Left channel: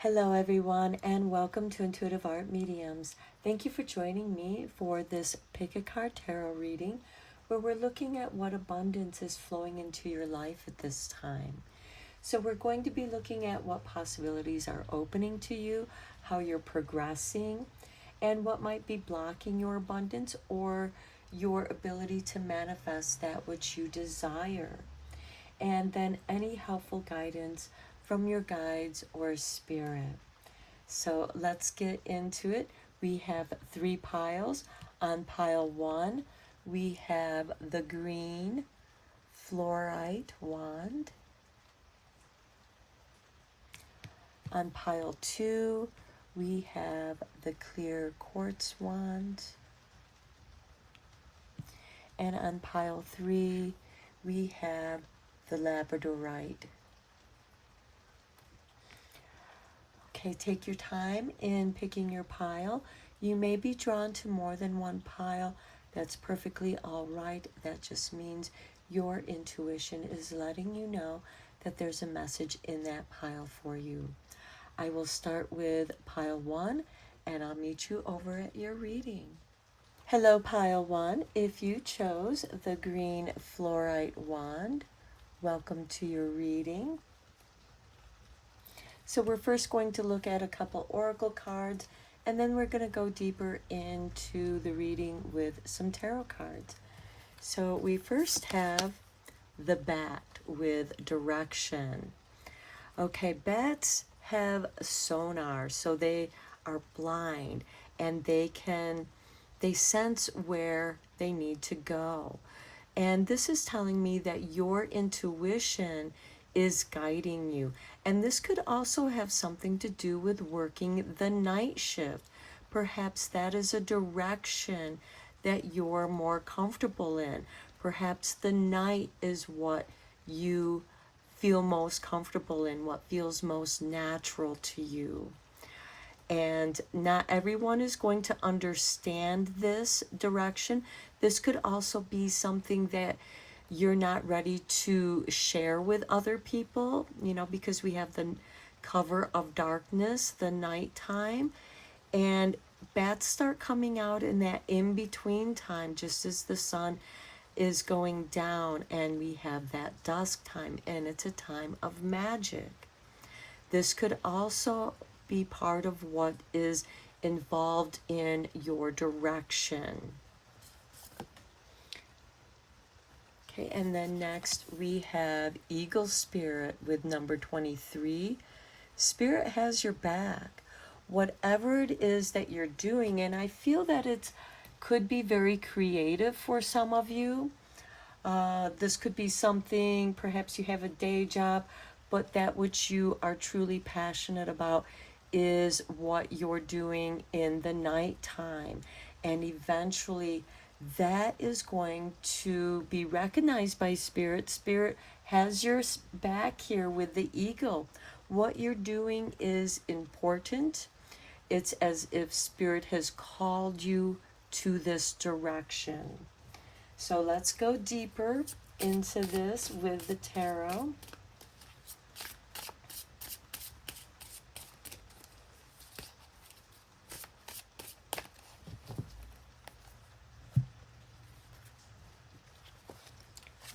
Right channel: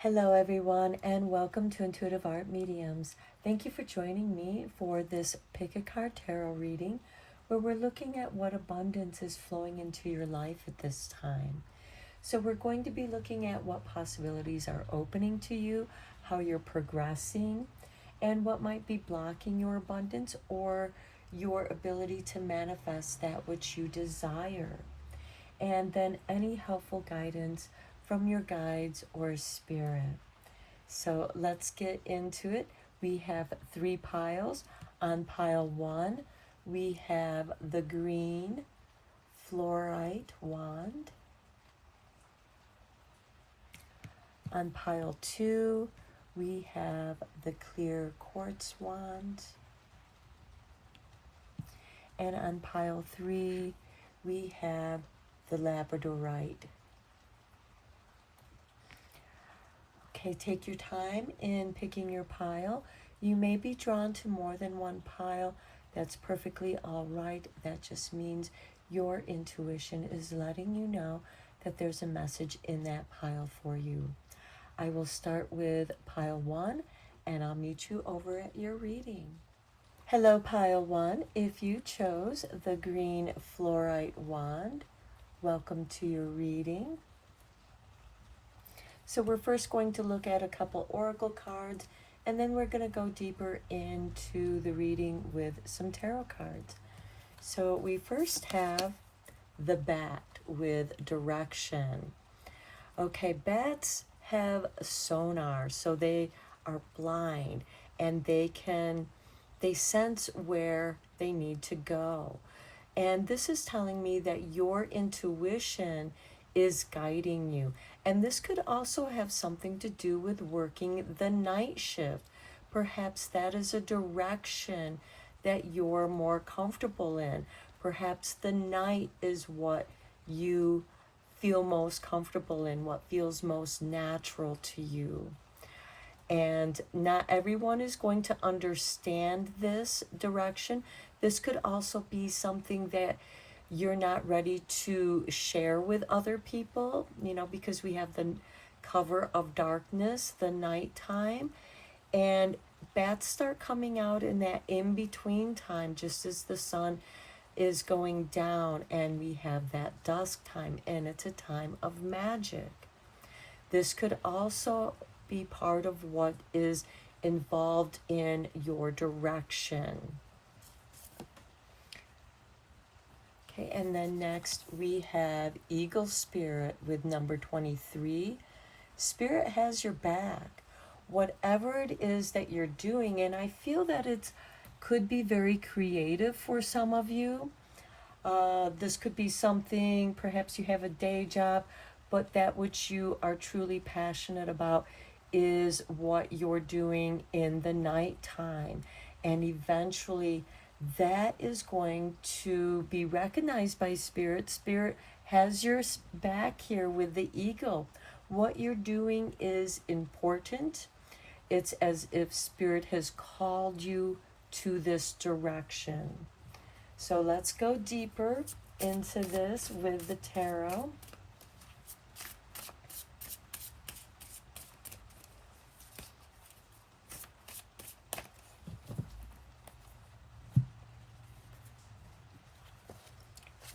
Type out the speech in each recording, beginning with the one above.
Hello everyone and welcome to Intuitive Art Mediums. Thank you for joining me for this Pick a Card Tarot reading where we're looking at what abundance is flowing into your life at this time. So we're going to be looking at what possibilities are opening to you, how you're progressing, and what might be blocking your abundance or your ability to manifest that which you desire. And then any helpful guidance from your guides or spirit. So let's get into it. We have 3 piles. On pile 1, we have the green fluorite wand. On pile 2, we have the clear quartz wand. And on pile 3, we have the Labradorite. Okay, take your time in picking your pile. You may be drawn to more than one pile. That's perfectly all right. That just means your intuition is letting you know that there's a message in that pile for you. I will start with pile 1 and I'll meet you over at your reading. Hello, pile 1. If you chose the green fluorite wand, welcome to your reading. So we're first going to look at a couple oracle cards, and then we're going to go deeper into the reading with some tarot cards. So we first have the bat with direction. Okay, bats have sonar, so they are blind, and they sense where they need to go. And this is telling me that your intuition is guiding you. And this could also have something to do with working the night shift. Perhaps that is a direction that you're more comfortable in. Perhaps the night is what you feel most comfortable in, what feels most natural to you. And not everyone is going to understand this direction. This could also be something that you're not ready to share with other people, because we have the cover of darkness, the nighttime, and bats start coming out in that in-between time, just as the sun is going down, and we have that dusk time, and it's a time of magic. This could also be part of what is involved in your direction. Okay, and then next we have Eagle Spirit with number 23. Spirit has your back. Whatever it is that you're doing, and I feel that it could be very creative for some of you. This could be something, perhaps you have a day job, but that which you are truly passionate about is what you're doing in the nighttime. And eventually that is going to be recognized by Spirit. Spirit has your back here with the eagle. What you're doing is important. It's as if Spirit has called you to this direction. So let's go deeper into this with the tarot.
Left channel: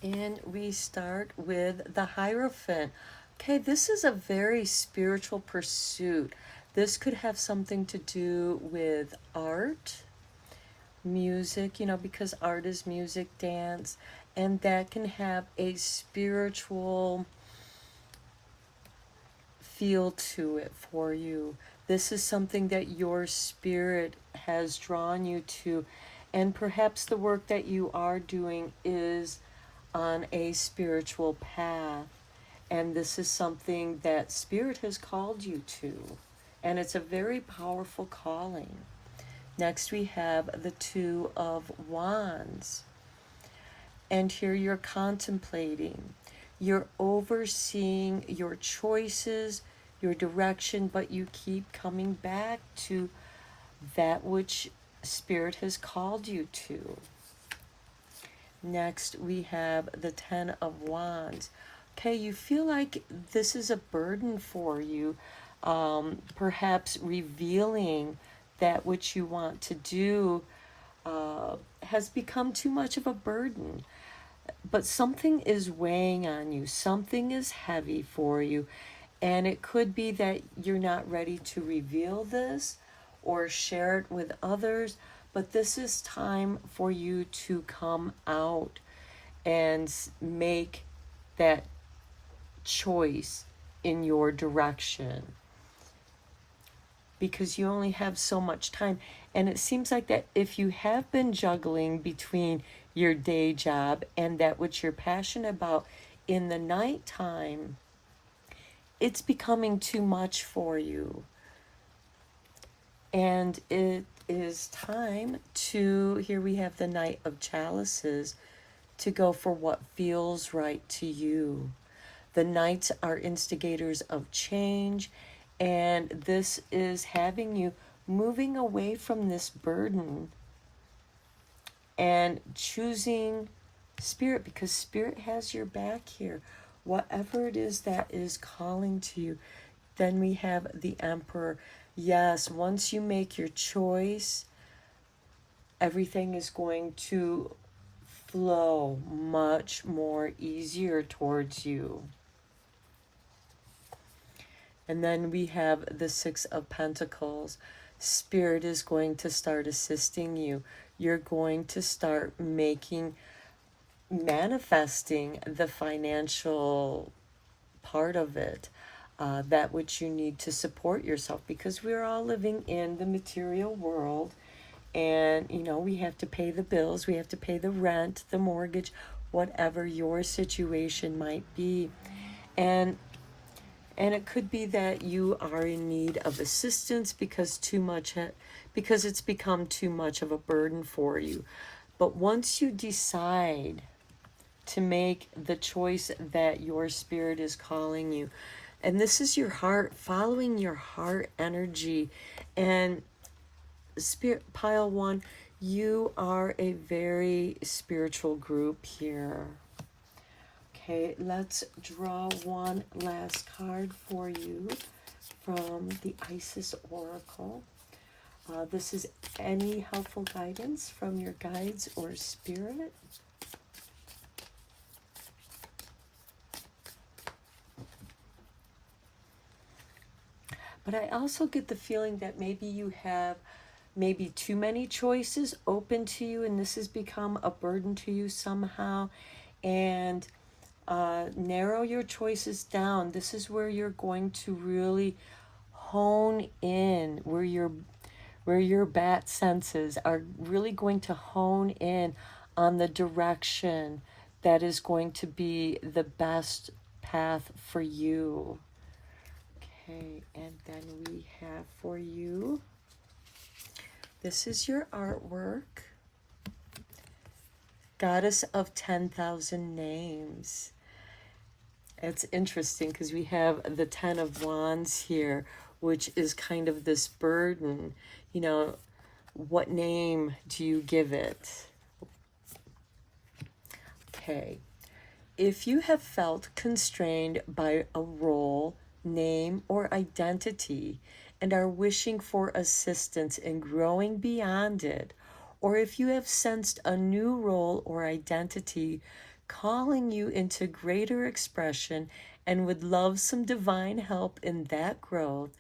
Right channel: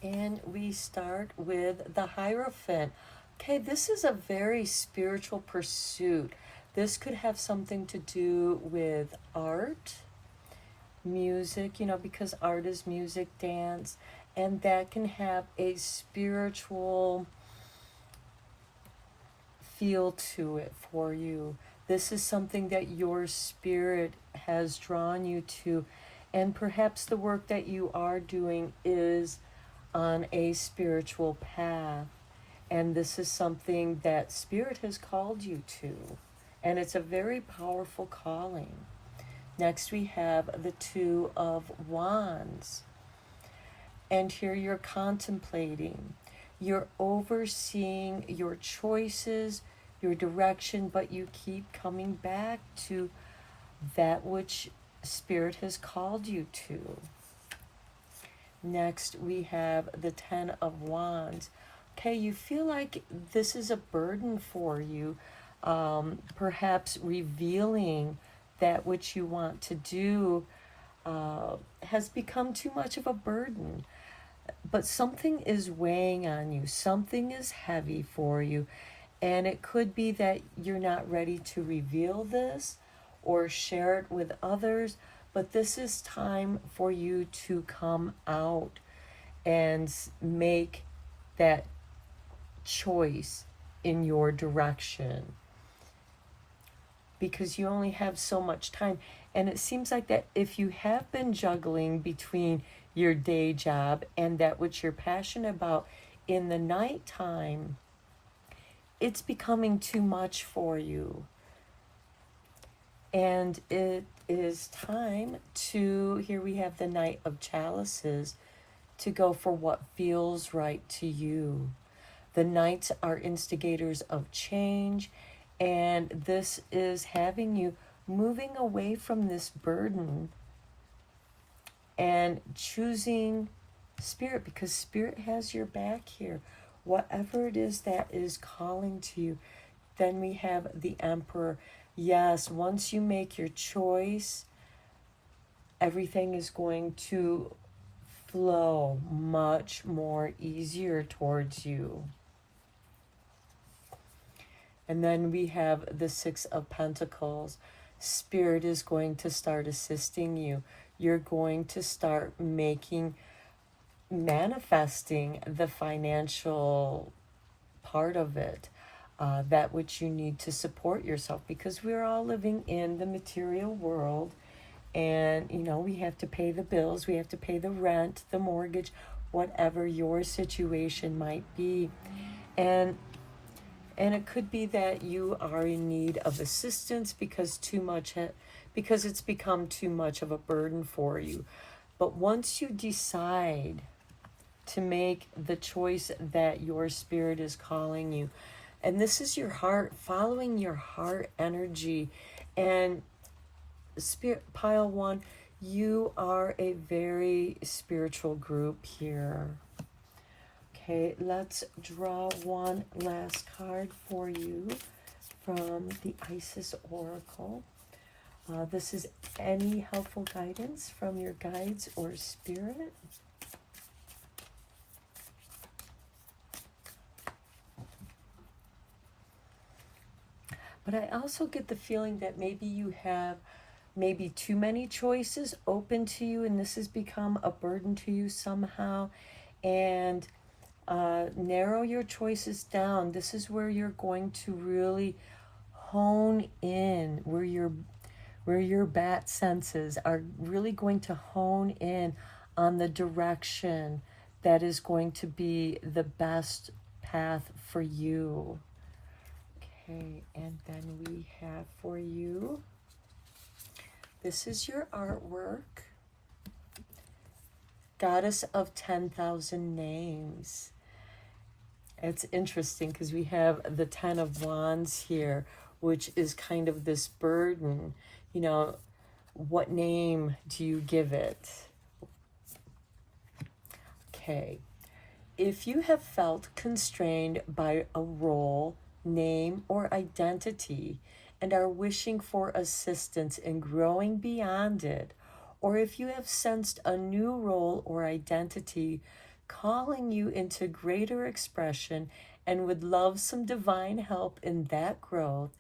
And we start with the Hierophant. Okay, this is a very spiritual pursuit. This could have something to do with art, music, because art is music, dance, and that can have a spiritual feel to it for you. This is something that your spirit has drawn you to, and perhaps the work that you are doing is on a spiritual path, and this is something that Spirit has called you to, and it's a very powerful calling. Next we have the Two of Wands, and here you're contemplating, you're overseeing your choices, your direction, but you keep coming back to that which Spirit has called you to. Next, we have the Ten of Wands. Okay, you feel like this is a burden for you. perhaps revealing that which you want to do has become too much of a burden. But something is weighing on you, something is heavy for you, and it could be that you're not ready to reveal this or share it with others, but this is time for you to come out and make that choice in your direction, because you only have so much time. And it seems like that if you have been juggling between your day job and that which you're passionate about in the nighttime, it's becoming too much for you. And it is time to, here we have the Knight of Chalices, to go for what feels right to you. The Knights are instigators of change, and this is having you moving away from this burden and choosing Spirit, because Spirit has your back here. Whatever it is that is calling to you. Then we have the Emperor. Yes, once you make your choice, everything is going to flow much more easier towards you. And then we have the Six of Pentacles. Spirit is going to start assisting you. You're going to start manifesting the financial part of it, that which you need to support yourself, because we're all living in the material world, and you know, we have to pay the bills, we have to pay the rent, the mortgage, whatever your situation might be. And it could be that you are in need of assistance because because it's become too much of a burden for you. But once you decide to make the choice that your Spirit is calling you, and this is your heart, following your heart energy. And Spirit Pile 1, you are a very spiritual group here. Okay, let's draw one last card for you from the Isis Oracle. This is any helpful guidance from your guides or spirit. But I also get the feeling that maybe you have too many choices open to you, and this has become a burden to you somehow. And narrow your choices down. This is where you're going to really hone in, where your bat senses are really going to hone in on the direction that is going to be the best path for you. Okay, and then we have for you, this is your artwork, Goddess of 10,000 Names. It's interesting because we have the 10 of Wands here, which is kind of this burden. You know, what name do you give it? Okay. If you have felt constrained by a role, name, or identity and are wishing for assistance in growing beyond it, or if you have sensed a new role or identity calling you into greater expression and would love some divine help in that growth,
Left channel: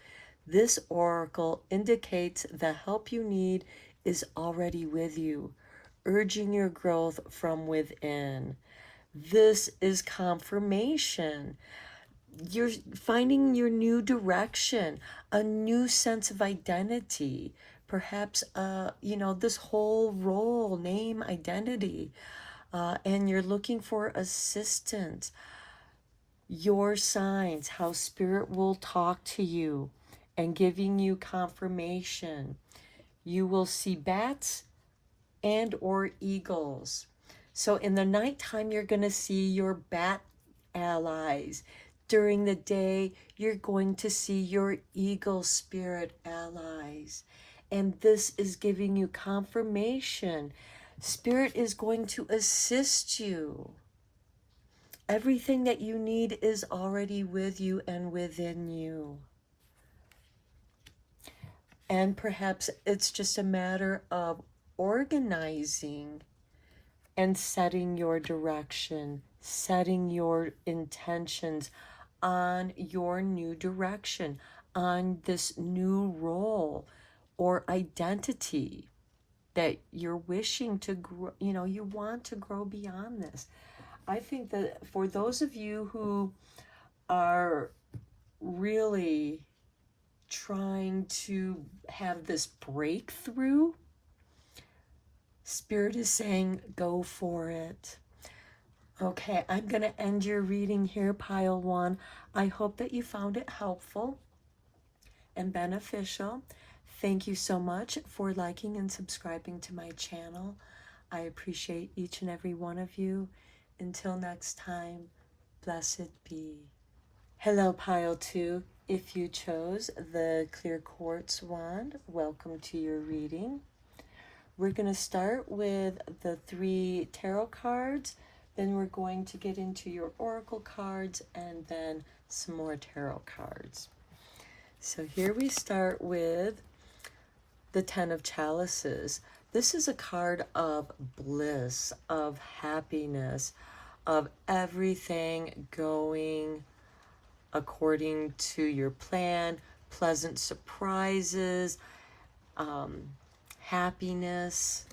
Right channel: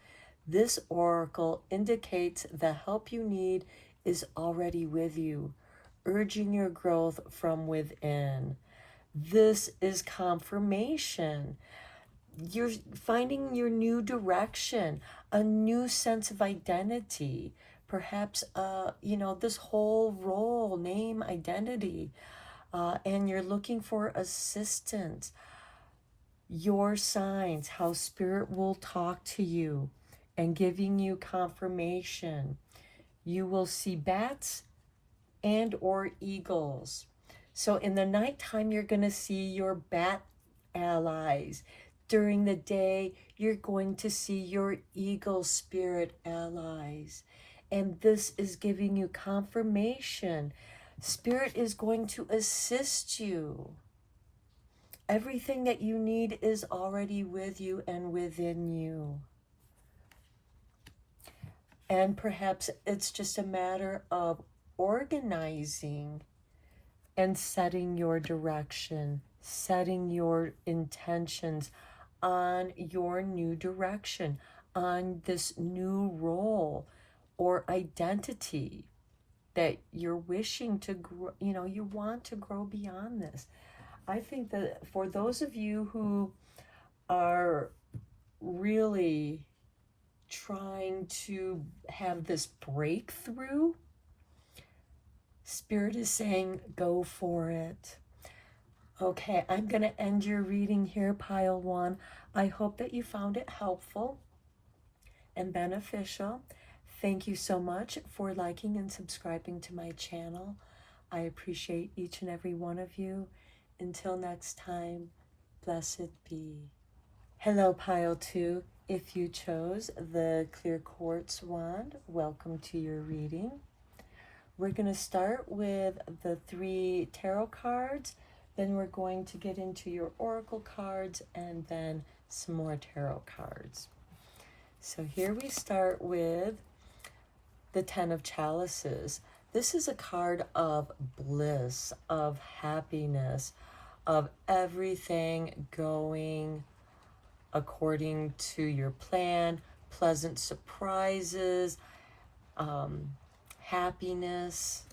this oracle indicates the help you need is already with you, urging your growth from within. This is confirmation. You're finding your new direction, a new sense of identity, perhaps, this whole role, name, identity, and you're looking for assistance. Your signs, how Spirit will talk to you and giving you confirmation. You will see bats and or eagles. So in the nighttime, you're going to see your bat allies. During the day, you're going to see your eagle spirit allies. And this is giving you confirmation. Spirit is going to assist you. Everything that you need is already with you and within you. And perhaps it's just a matter of organizing and setting your direction, setting your intentions on your new direction, on this new role or identity that you're wishing to grow, you want to grow beyond this. I think that for those of you who are really trying to have this breakthrough, Spirit is saying, go for it. Okay, I'm going to end your reading here, pile one. I hope that you found it helpful and beneficial. Thank you so much for liking and subscribing to my channel. I appreciate each and every one of you. Until next time, blessed be. Hello, pile two. If you chose the clear quartz wand, welcome to your reading. We're going to start with the 3 tarot cards, then we're going to get into your oracle cards, and then some more tarot cards. So here we start with the 10 of Chalices. This is a card of bliss, of happiness, of everything going according to your plan, pleasant surprises, happiness.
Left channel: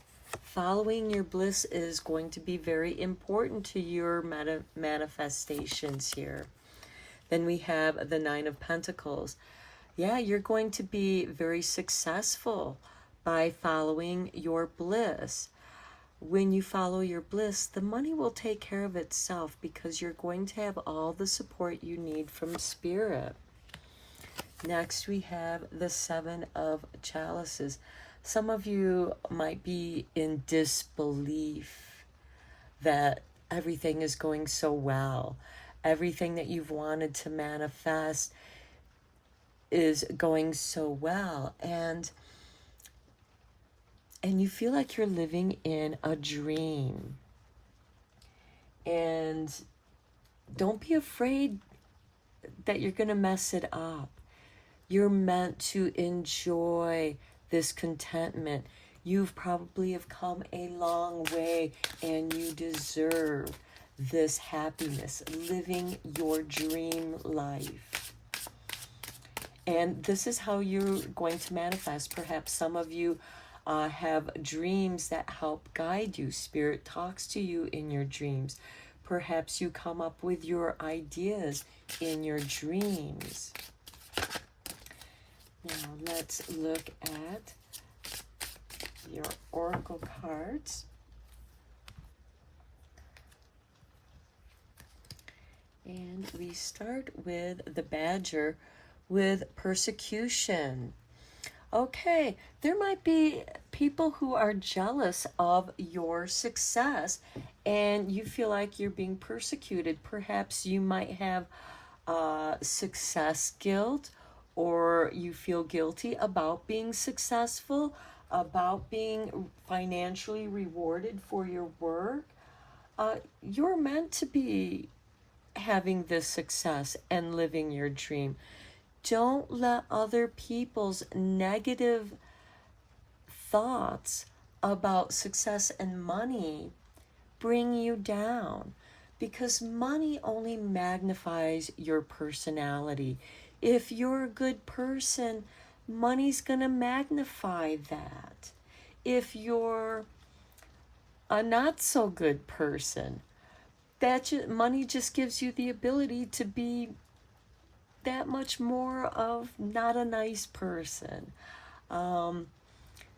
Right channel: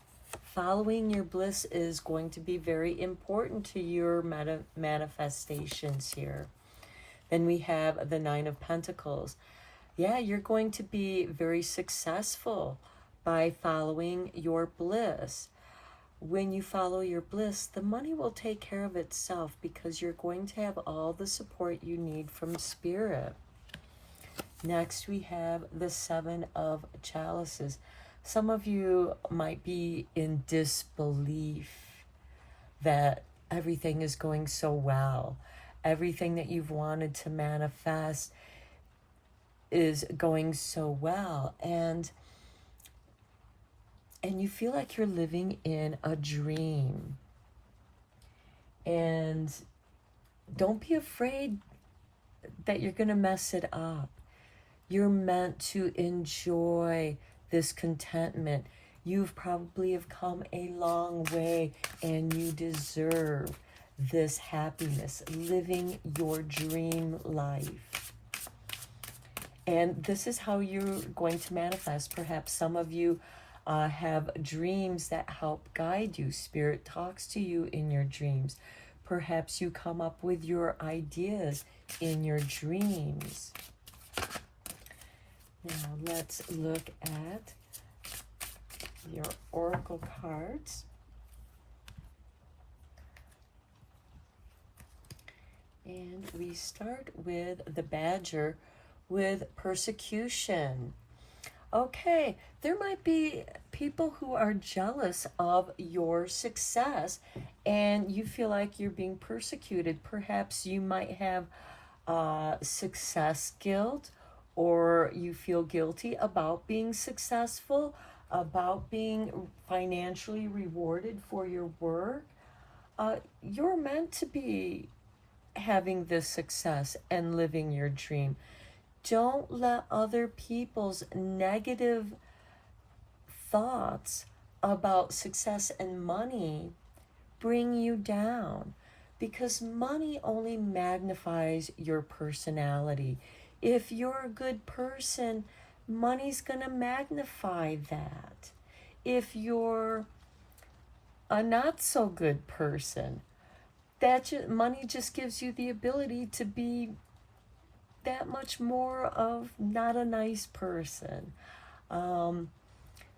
Following your bliss is going to be very important to your manifestations here. Then we have the 9 of Pentacles. Yeah, you're going to be very successful by following your bliss. When you follow your bliss, the money will take care of itself because you're going to have all the support you need from Spirit. Next, we have the 7 of Chalices. Some of you might be in disbelief that everything is going so well. Everything that you've wanted to manifest is going so well. And you feel like you're living in a dream. And don't be afraid that you're going to mess it up. You're meant to enjoy this contentment. You've probably have come a long way and you deserve this happiness, living your dream life. And this is how you're going to manifest. Perhaps some of you have dreams that help guide you. Spirit talks to you in your dreams. Perhaps you come up with your ideas in your dreams. Now let's look at your oracle cards. And we start with the Badger with persecution. Okay, there might be people who are jealous of your success and you feel like you're being persecuted. Perhaps you might have success guilt, or you feel guilty about being successful, about being financially rewarded for your work. You're meant to be having this success and living your dream. Don't let other people's negative thoughts about success and money bring you down, because money only magnifies your personality. If you're a good person, money's going to magnify that. If you're a not so good person, money just gives you the ability to be that much more of not a nice person.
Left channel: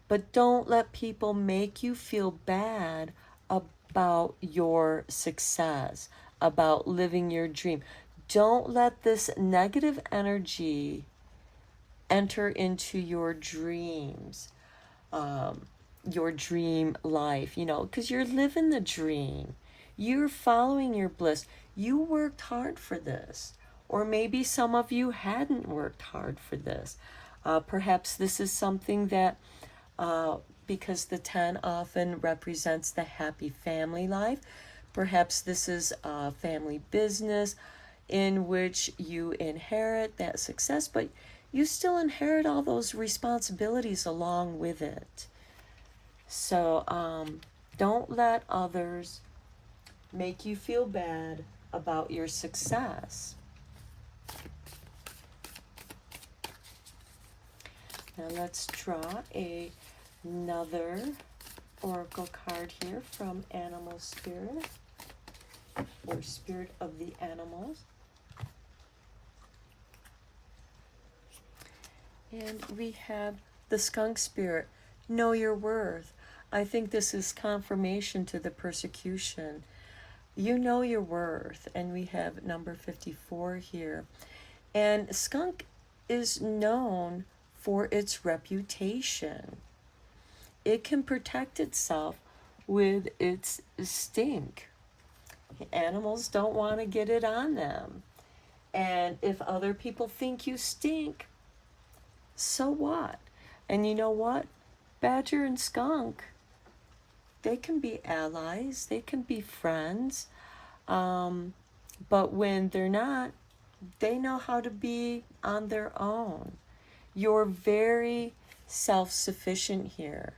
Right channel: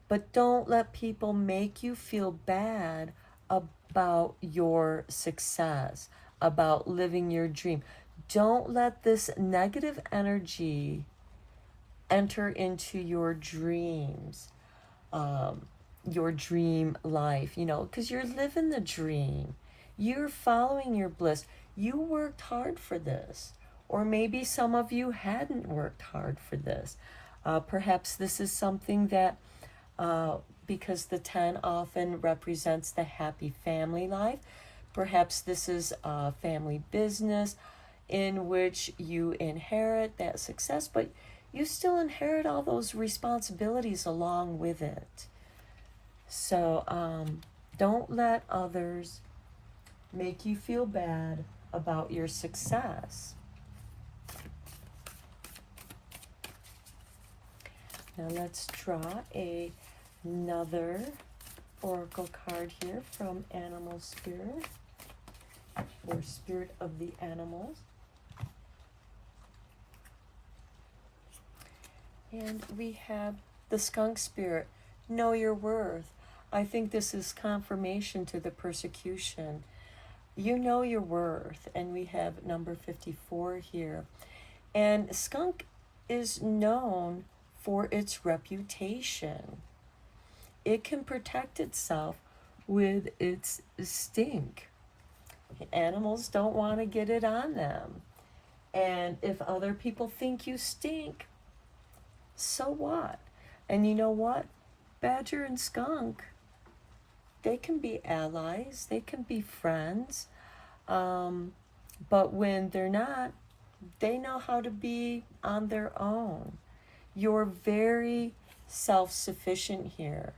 But don't let people make you feel bad about your success, about living your dream. Don't let this negative energy enter into your dreams, your dream life, because you're living the dream. You're following your bliss. You worked hard for this. Or maybe some of you hadn't worked hard for this. Perhaps this is something that, because the 10 often represents the happy family life, perhaps this is a family business in which you inherit that success, but you still inherit all those responsibilities along with it. So don't let others make you feel bad about your success. Now let's draw another oracle card here from Animal Spirit, or Spirit of the Animals. And we have the Skunk Spirit. Know your worth. I think this is confirmation to the persecution. You know your worth. And we have number 54 here. And skunk is known for its reputation. It can protect itself with its stink. Animals don't want to get it on them. And if other people think you stink, so what? And you know what? Badger and skunk, they can be allies, they can be friends, but when they're not, they know how to be on their own. You're very self-sufficient here.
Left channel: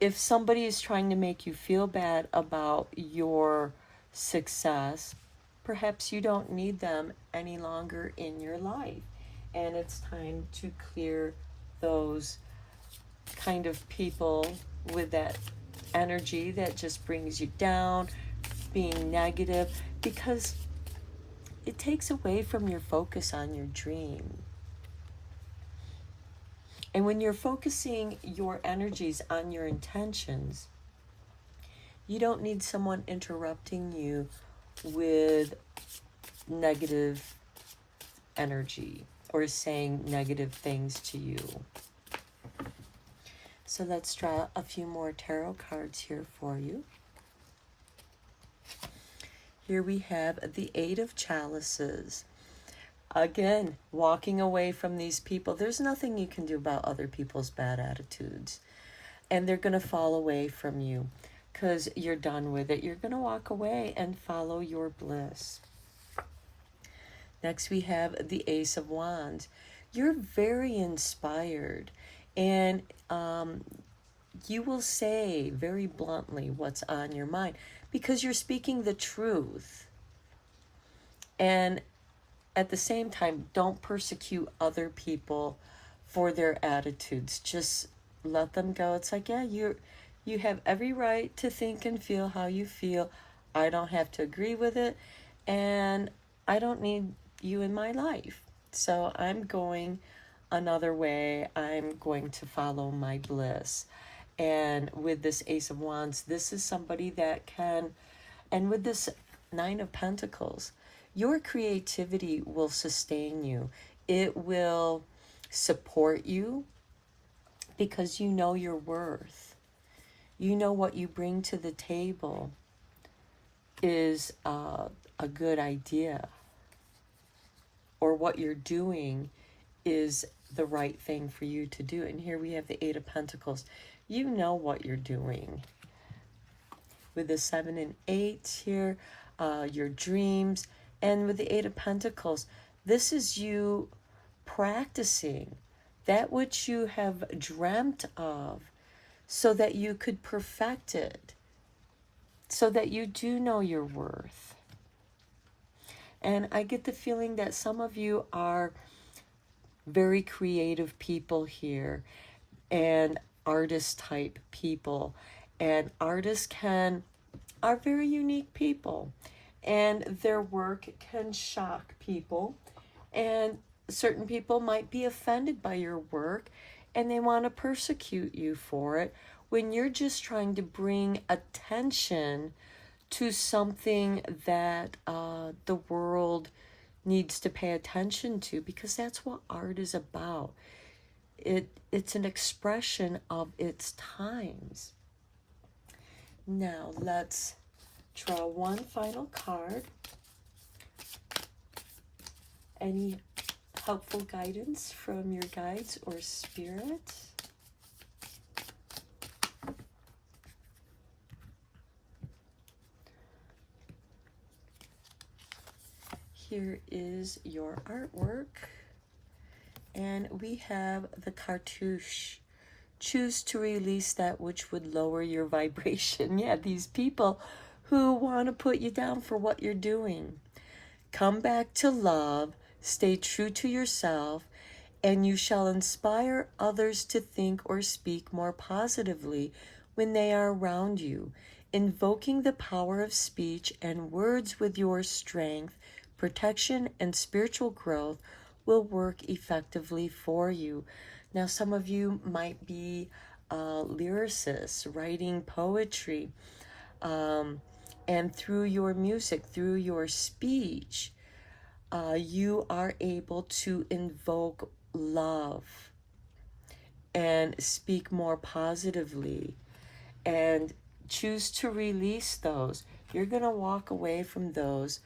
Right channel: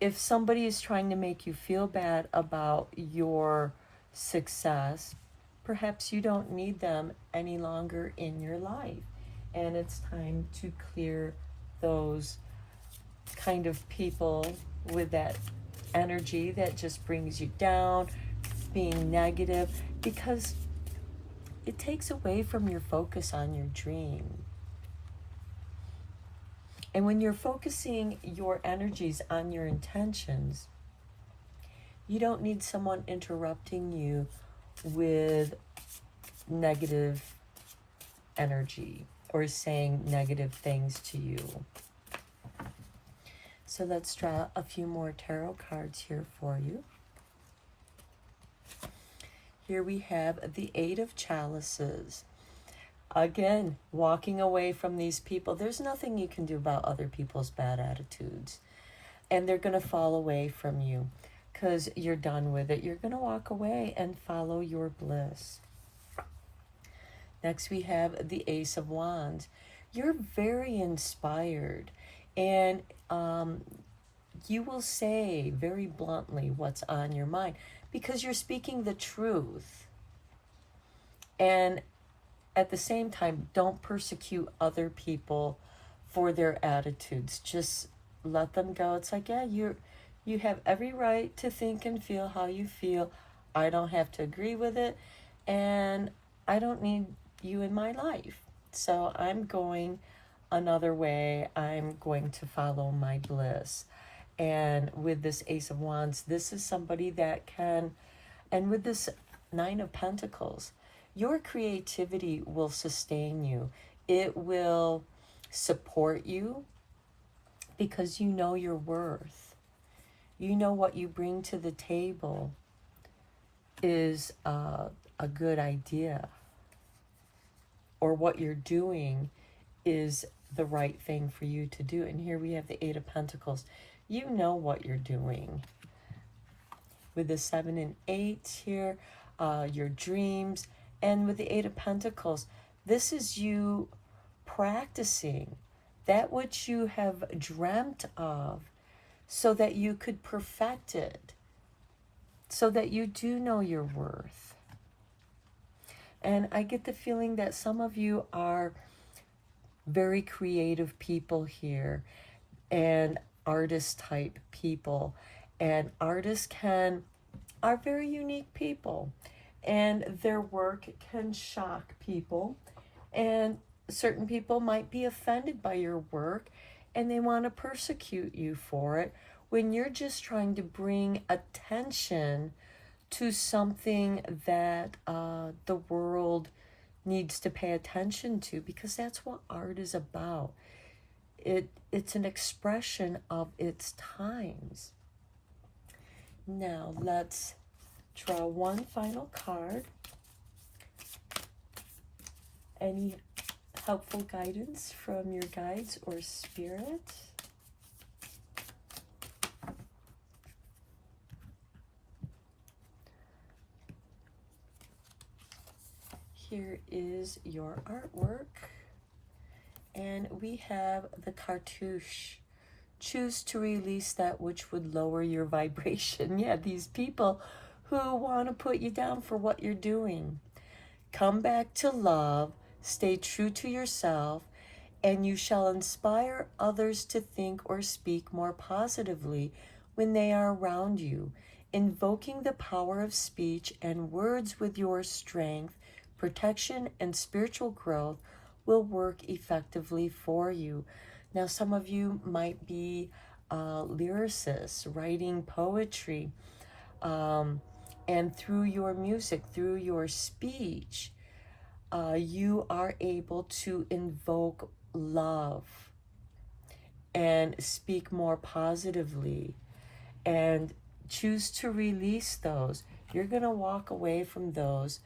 If somebody is trying to make you feel bad about your success, perhaps you don't need them any longer in your life. And it's time to clear those kind of people with that energy that just brings you down, being negative, because it takes away from your focus on your dream. And when you're focusing your energies on your intentions, you don't need someone interrupting you with negative energy or saying negative things to you. So let's draw a few more tarot cards here for you. Here we have the Eight of Chalices. Again, walking away from these people. There's nothing you can do about other people's bad attitudes. And they're going to fall away from you because you're done with it. You're going to walk away and follow your bliss. Next we have the Ace of Wands. You're very inspired, and you will say very bluntly what's on your mind because you're speaking the truth. And at the same time, don't persecute other people for their attitudes. Just let them go. It's like, yeah, you have every right to think and feel how you feel. I don't have to agree with it, and I don't need you in my life. So I'm going another way. I'm going to follow my bliss. And with this Ace of Wands, this is somebody that can, and with this Nine of Pentacles, your creativity will sustain you. It will support you because you know your worth. You know what you bring to the table is a good idea, or what you're doing is the right thing for you to do. And here we have the Eight of Pentacles. You know what you're doing. With the 7 and 8 here, your dreams. And with the Eight of Pentacles, this is you practicing that which you have dreamt of so that you could perfect it, so that you do know your worth. And I get the feeling that some of you are very creative people here, and artist type people. And artists are very unique people, and their work can shock people. And certain people might be offended by your work, and they want to persecute you for it, when you're just trying to bring attention to something that the world needs to pay attention to, because that's what art is about. It's an expression of its times. Now let's draw one final card. Any helpful guidance from your guides or spirits? Here is your artwork, And we have the cartouche. Choose to release that which would lower your vibration. Yeah, these people who want to put you down for what you're doing. Come back to love, stay true to yourself, and you shall inspire others to think or speak more positively when they are around you. Invoking the power of speech and words with your strength, protection, and spiritual growth will work effectively for you. Now, some of you might be lyricists, writing poetry, and through your music, through your speech, you are able to invoke love and speak more positively and choose to release those. You're going to walk away from those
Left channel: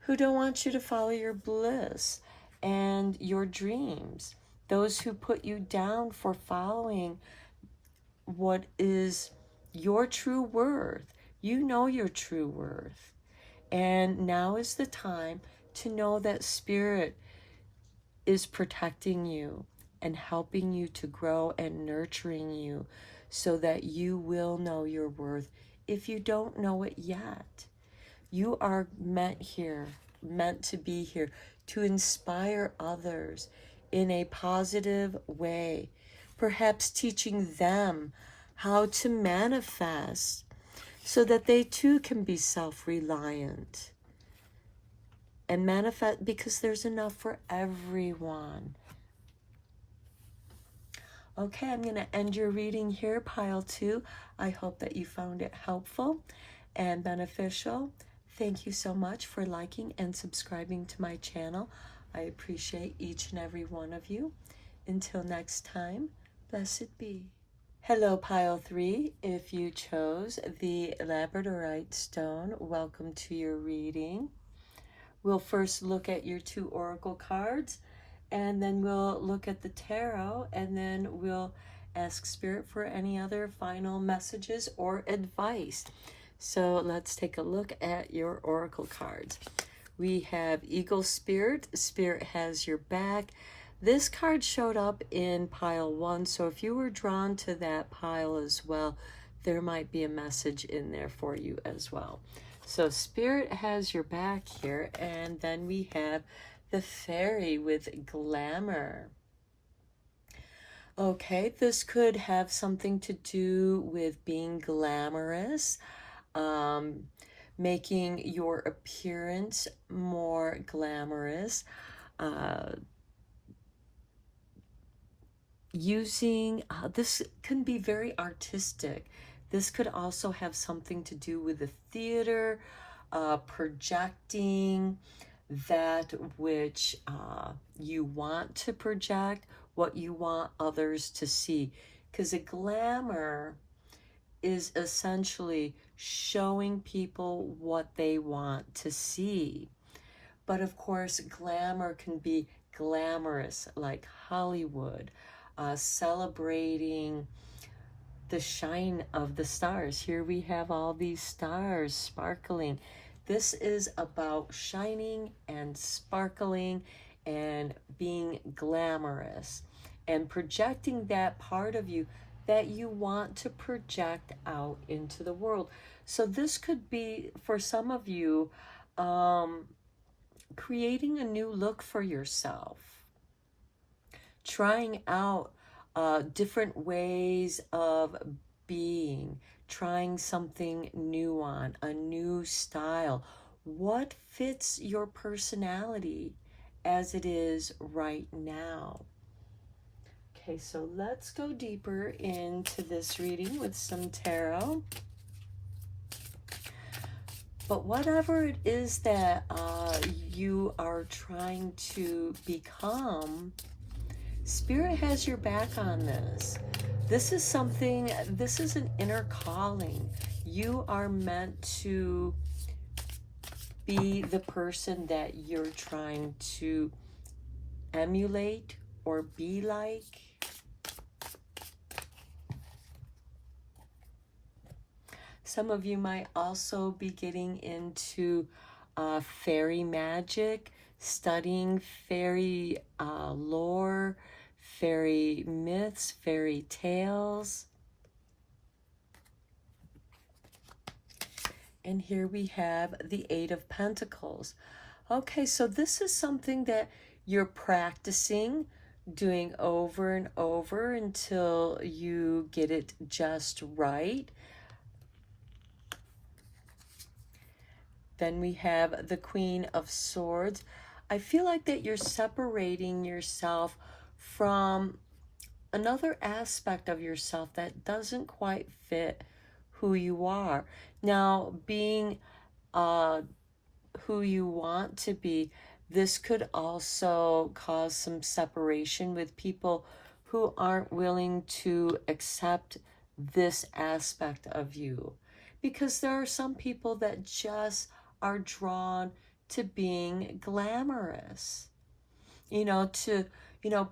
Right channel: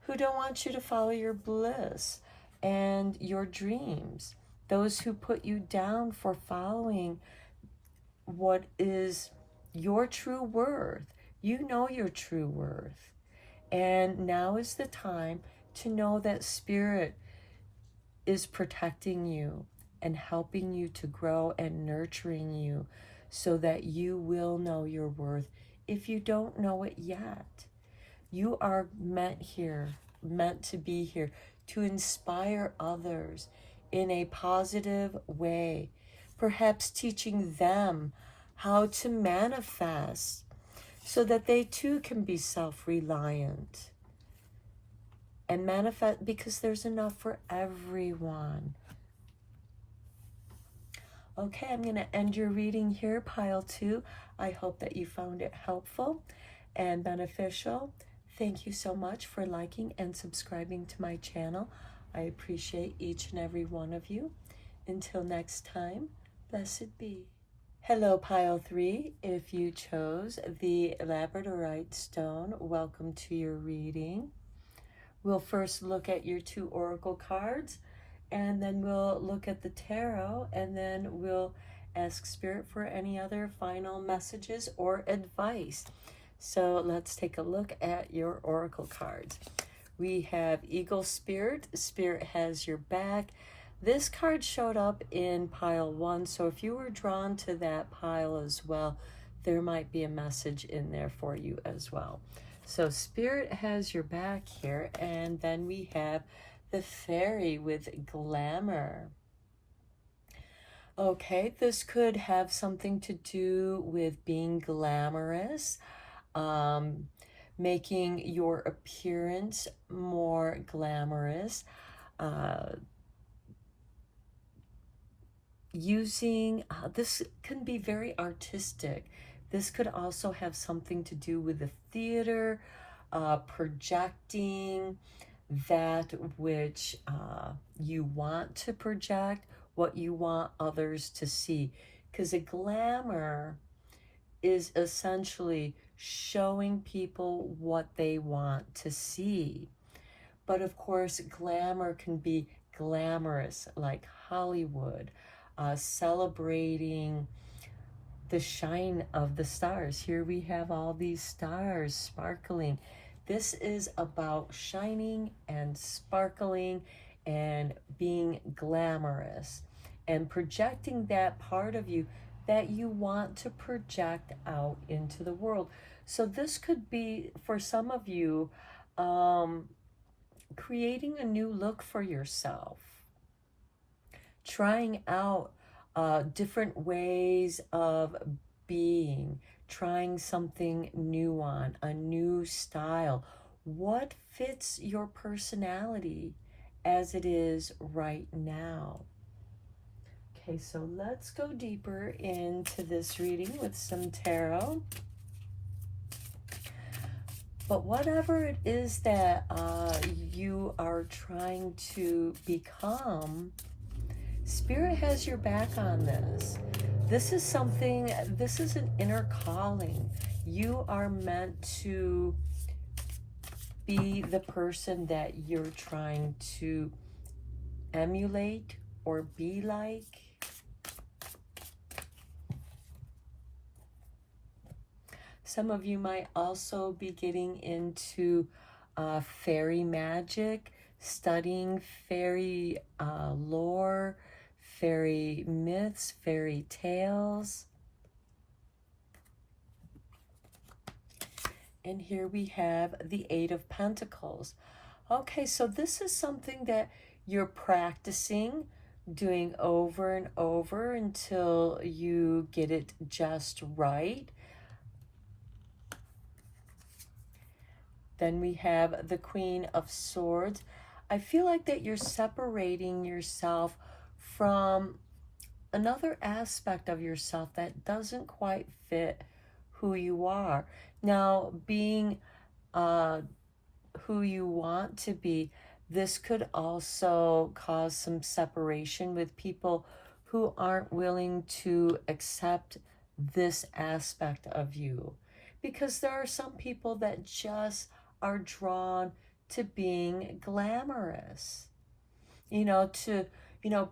who don't want you to follow your bliss and your dreams, those who put you down for following what is your true worth. You know your true worth. And now is the time to know that Spirit is protecting you and helping you to grow and nurturing you so that you will know your worth if you don't know it yet. You are meant to be here to inspire others in a positive way, perhaps teaching them how to manifest so that they too can be self-reliant and manifest, because there's enough for everyone. Okay, I'm going to end your reading here, pile 2. I hope that you found it helpful and beneficial. Thank you so much for liking and subscribing to my channel. I appreciate each and every one of you. Until next time, blessed be. Hello, pile 3. If you chose the Labradorite stone, welcome to your reading. We'll first look at your 2 oracle cards, and then we'll look at the tarot, and then we'll ask Spirit for any other final messages or advice. So let's take a look at your oracle cards. We have Eagle Spirit. Spirit has your back. This card showed up in pile 1, so if you were drawn to that pile as well, there might be a message in there for you as well. So Spirit has your back here, and then we have the Fairy with glamour. Okay, this could have something to do with being glamorous, making your appearance more glamorous, this can be very artistic. This could also have something to do with the theater, projecting that which you want to project, what you want others to see. Because a glamour is essentially showing people what they want to see. But of course, glamour can be glamorous, like Hollywood, celebrating the shine of the stars. Here we have all these stars sparkling. This is about shining and sparkling and being glamorous and projecting that part of you that you want to project out into the world. So this could be, for some of you, creating a new look for yourself, trying out different ways of being, trying something new on, a new style. What fits your personality as it is right now? Okay, so let's go deeper into this reading with some tarot. But whatever it is that you are trying to become, Spirit has your back on this. This is something, this is an inner calling. You are meant to be the person that you're trying to emulate or be like. Some of you might also be getting into fairy magic, studying fairy lore, fairy myths, fairy tales. And here we have the Eight of Pentacles. Okay, so this is something that you're practicing doing over and over until you get it just right. Then we have the Queen of Swords. I feel like that you're separating yourself from another aspect of yourself that doesn't quite fit who you are. Now, being who you want to be, this could also cause some separation with people who aren't willing to accept this aspect of you. Because there are some people that just are drawn to being glamorous,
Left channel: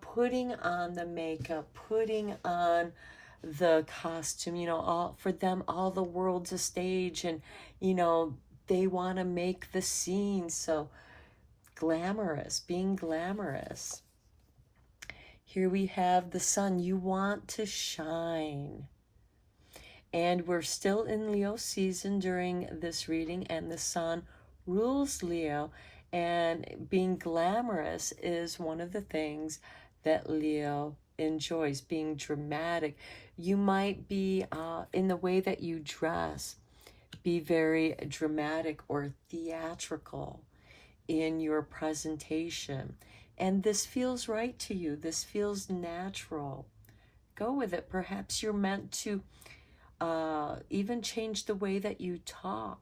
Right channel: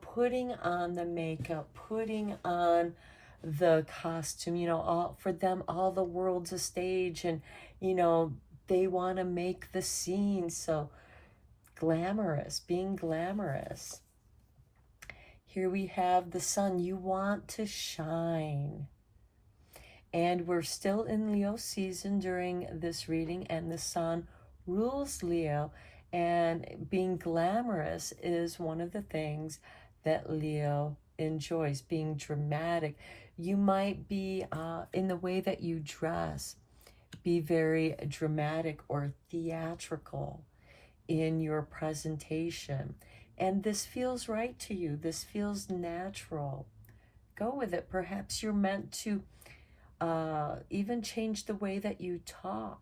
putting on the makeup, putting on the costume, for them, all the world's a stage, and, they want to make the scene so glamorous, being glamorous. Here we have the Sun. You want to shine. And we're still in Leo season during this reading, and the Sun rules Leo, and being glamorous is one of the things that Leo enjoys, being dramatic. You might be, in the way that you dress, be very dramatic or theatrical in your presentation. And this feels right to you. This feels natural. Go with it. Perhaps you're meant to even change the way that you talk.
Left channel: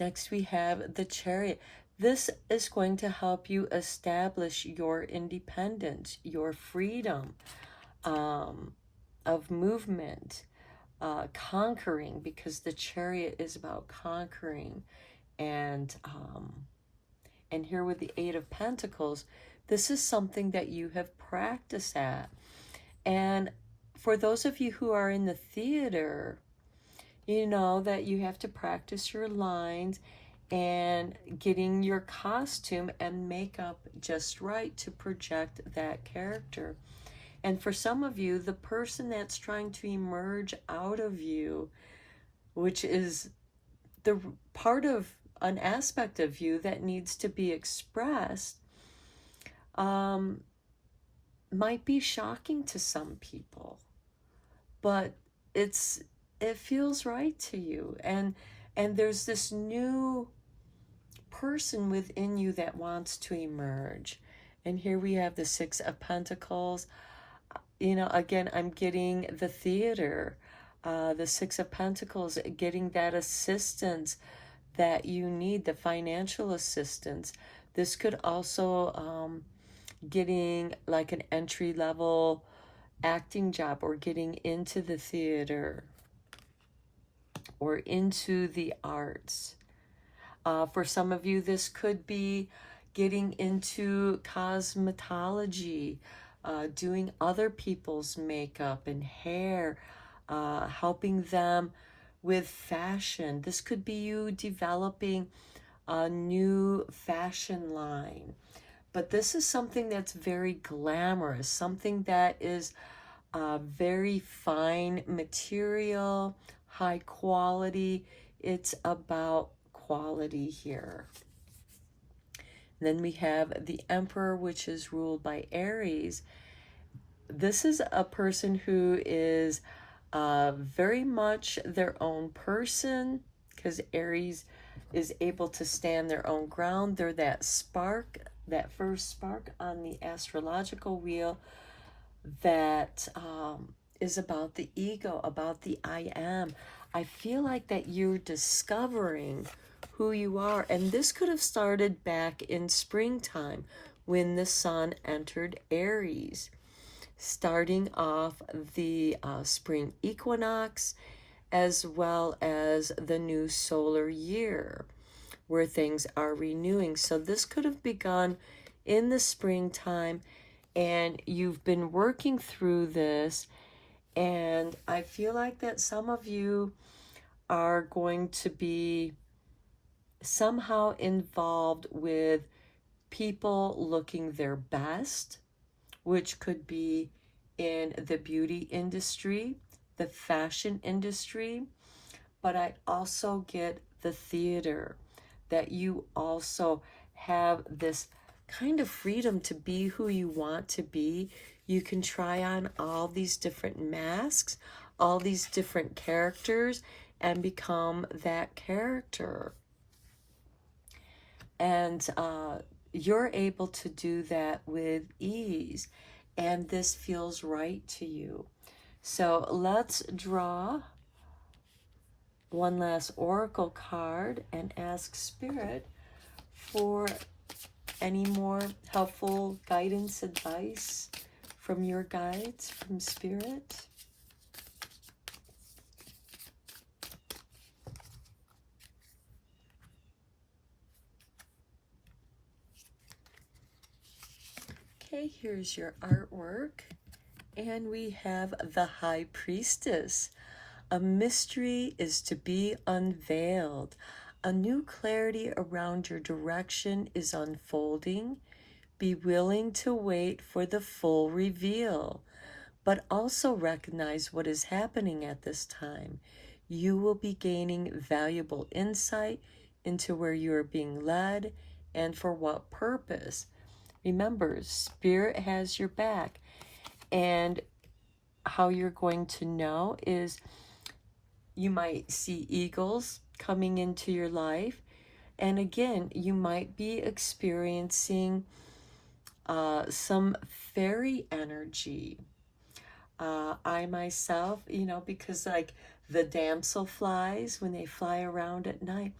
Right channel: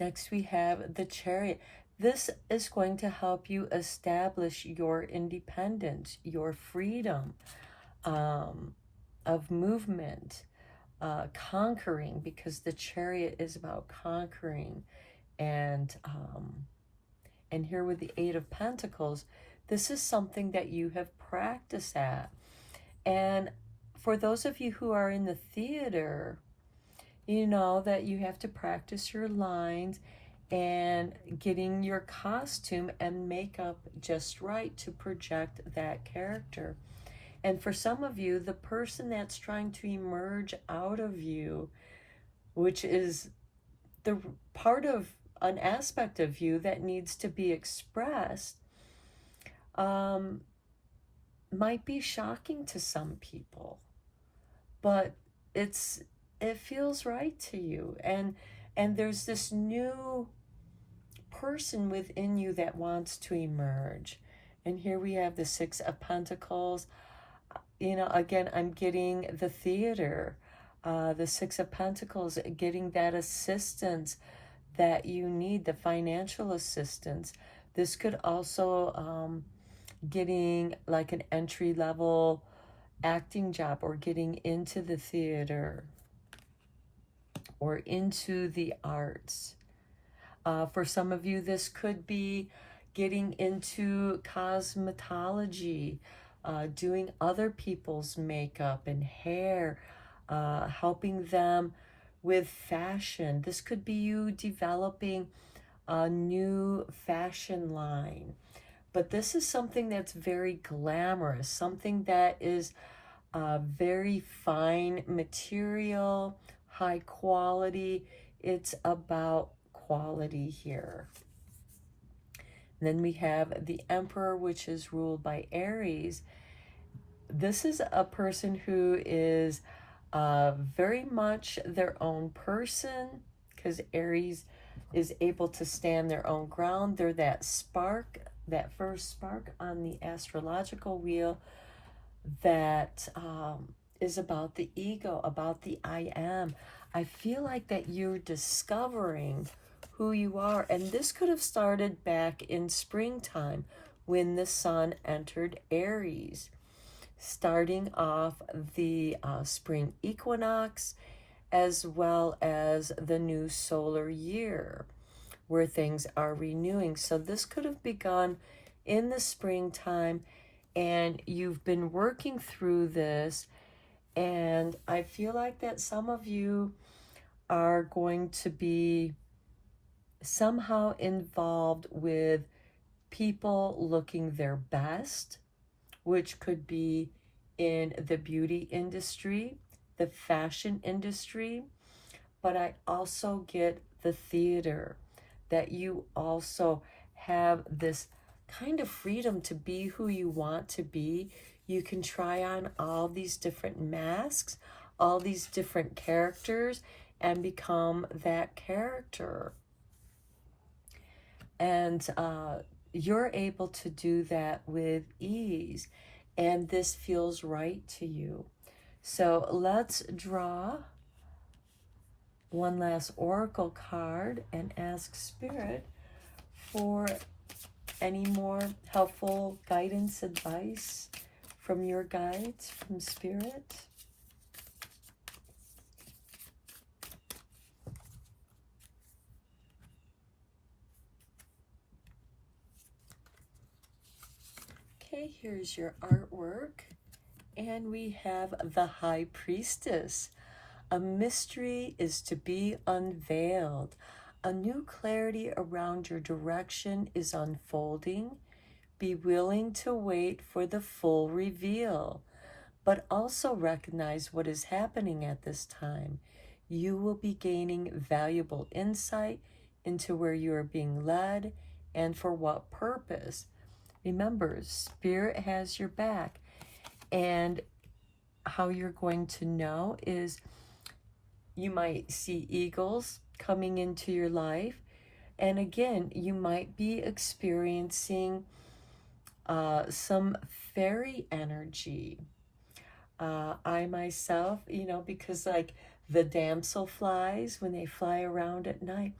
Next, we have the Chariot. This is going to help you establish your independence, your freedom of movement, conquering, because the Chariot is about conquering. And here with the Eight of Pentacles, this is something that you have practiced at. And for those of you who are in the theater, you know that you have to practice your lines and getting your costume and makeup just right to project that character. And for some of you, the person that's trying to emerge out of you, which is the part of an aspect of you that needs to be expressed, might be shocking to some people, but it feels right to you, and there's this new person within you that wants to emerge. And here we have the Six of Pentacles. Again, I'm getting the theater, the Six of Pentacles, getting that assistance that you need, the financial assistance. This could also getting like an entry-level acting job, or getting into the theater or into the arts. For some of you, this could be getting into cosmetology, doing other people's makeup and hair, helping them with fashion. This could be you developing a new fashion line. But this is something that's very glamorous, something that is very fine material, high quality. It's about quality here. And then we have the Emperor, which is ruled by Aries. This is a person who is very much their own person, because Aries is able to stand their own ground. They're that spark, that first spark on the astrological wheel that is about the ego, about the I am. I feel like that you're discovering who you are. And this could have started back in springtime when the Sun entered Aries, starting off the spring equinox, as well as the new solar year, where things are renewing. So this could have begun in the springtime, and you've been working through this. And I feel like that some of you are going to be somehow involved with people looking their best, which could be in the beauty industry, the fashion industry, but I also get the theater, that you also have this kind of freedom to be who you want to be. You can try on all these different masks, all these different characters, and become that character. And you're able to do that with ease, and this feels right to you. So let's draw one last oracle card and ask Spirit for any more helpful guidance, advice from your guides, from Spirit. Okay, here's your artwork. And we have the High Priestess. A mystery is to be unveiled. A new clarity around your direction is unfolding. Be willing to wait for the full reveal, but also recognize what is happening at this time. You will be gaining valuable insight into where you are being led and for what purpose. Remember, Spirit has your back. And how you're going to know is you might see eagles coming into your life. And again, you might be experiencing some fairy energy. I myself, because like the damselflies, when they fly around at night,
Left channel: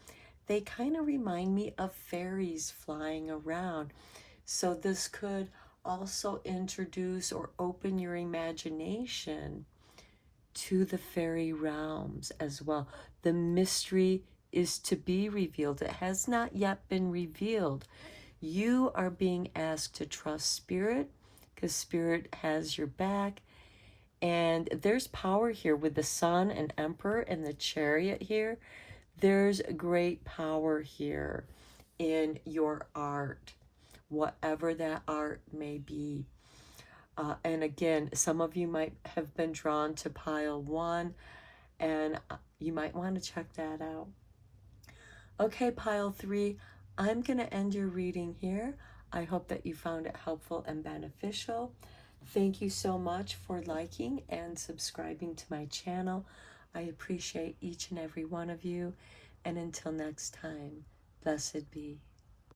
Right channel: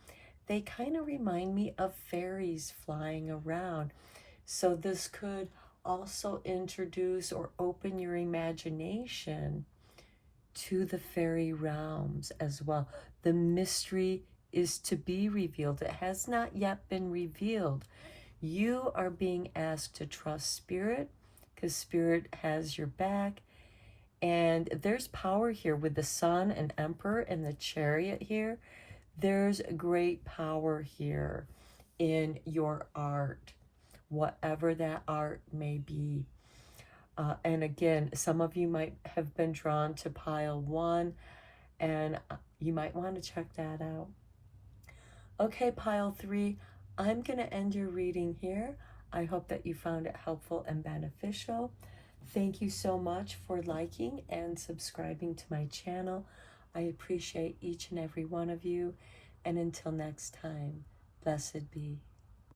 they kind of remind me of fairies flying around. So this could also introduce or open your imagination to the fairy realms as well. The mystery is to be revealed. It has not yet been revealed. You are being asked to trust Spirit, because Spirit has your back. And there's power here with the Sun and Emperor and the Chariot here. There's great power here in your art, whatever that art may be. And again, some of you might have been drawn to pile 1, and you might want to check that out. Okay, pile 3, I'm going to end your reading here. I hope that you found it helpful and beneficial. Thank you so much for liking and subscribing to my channel. I appreciate each and every one of you. And until next time, blessed be.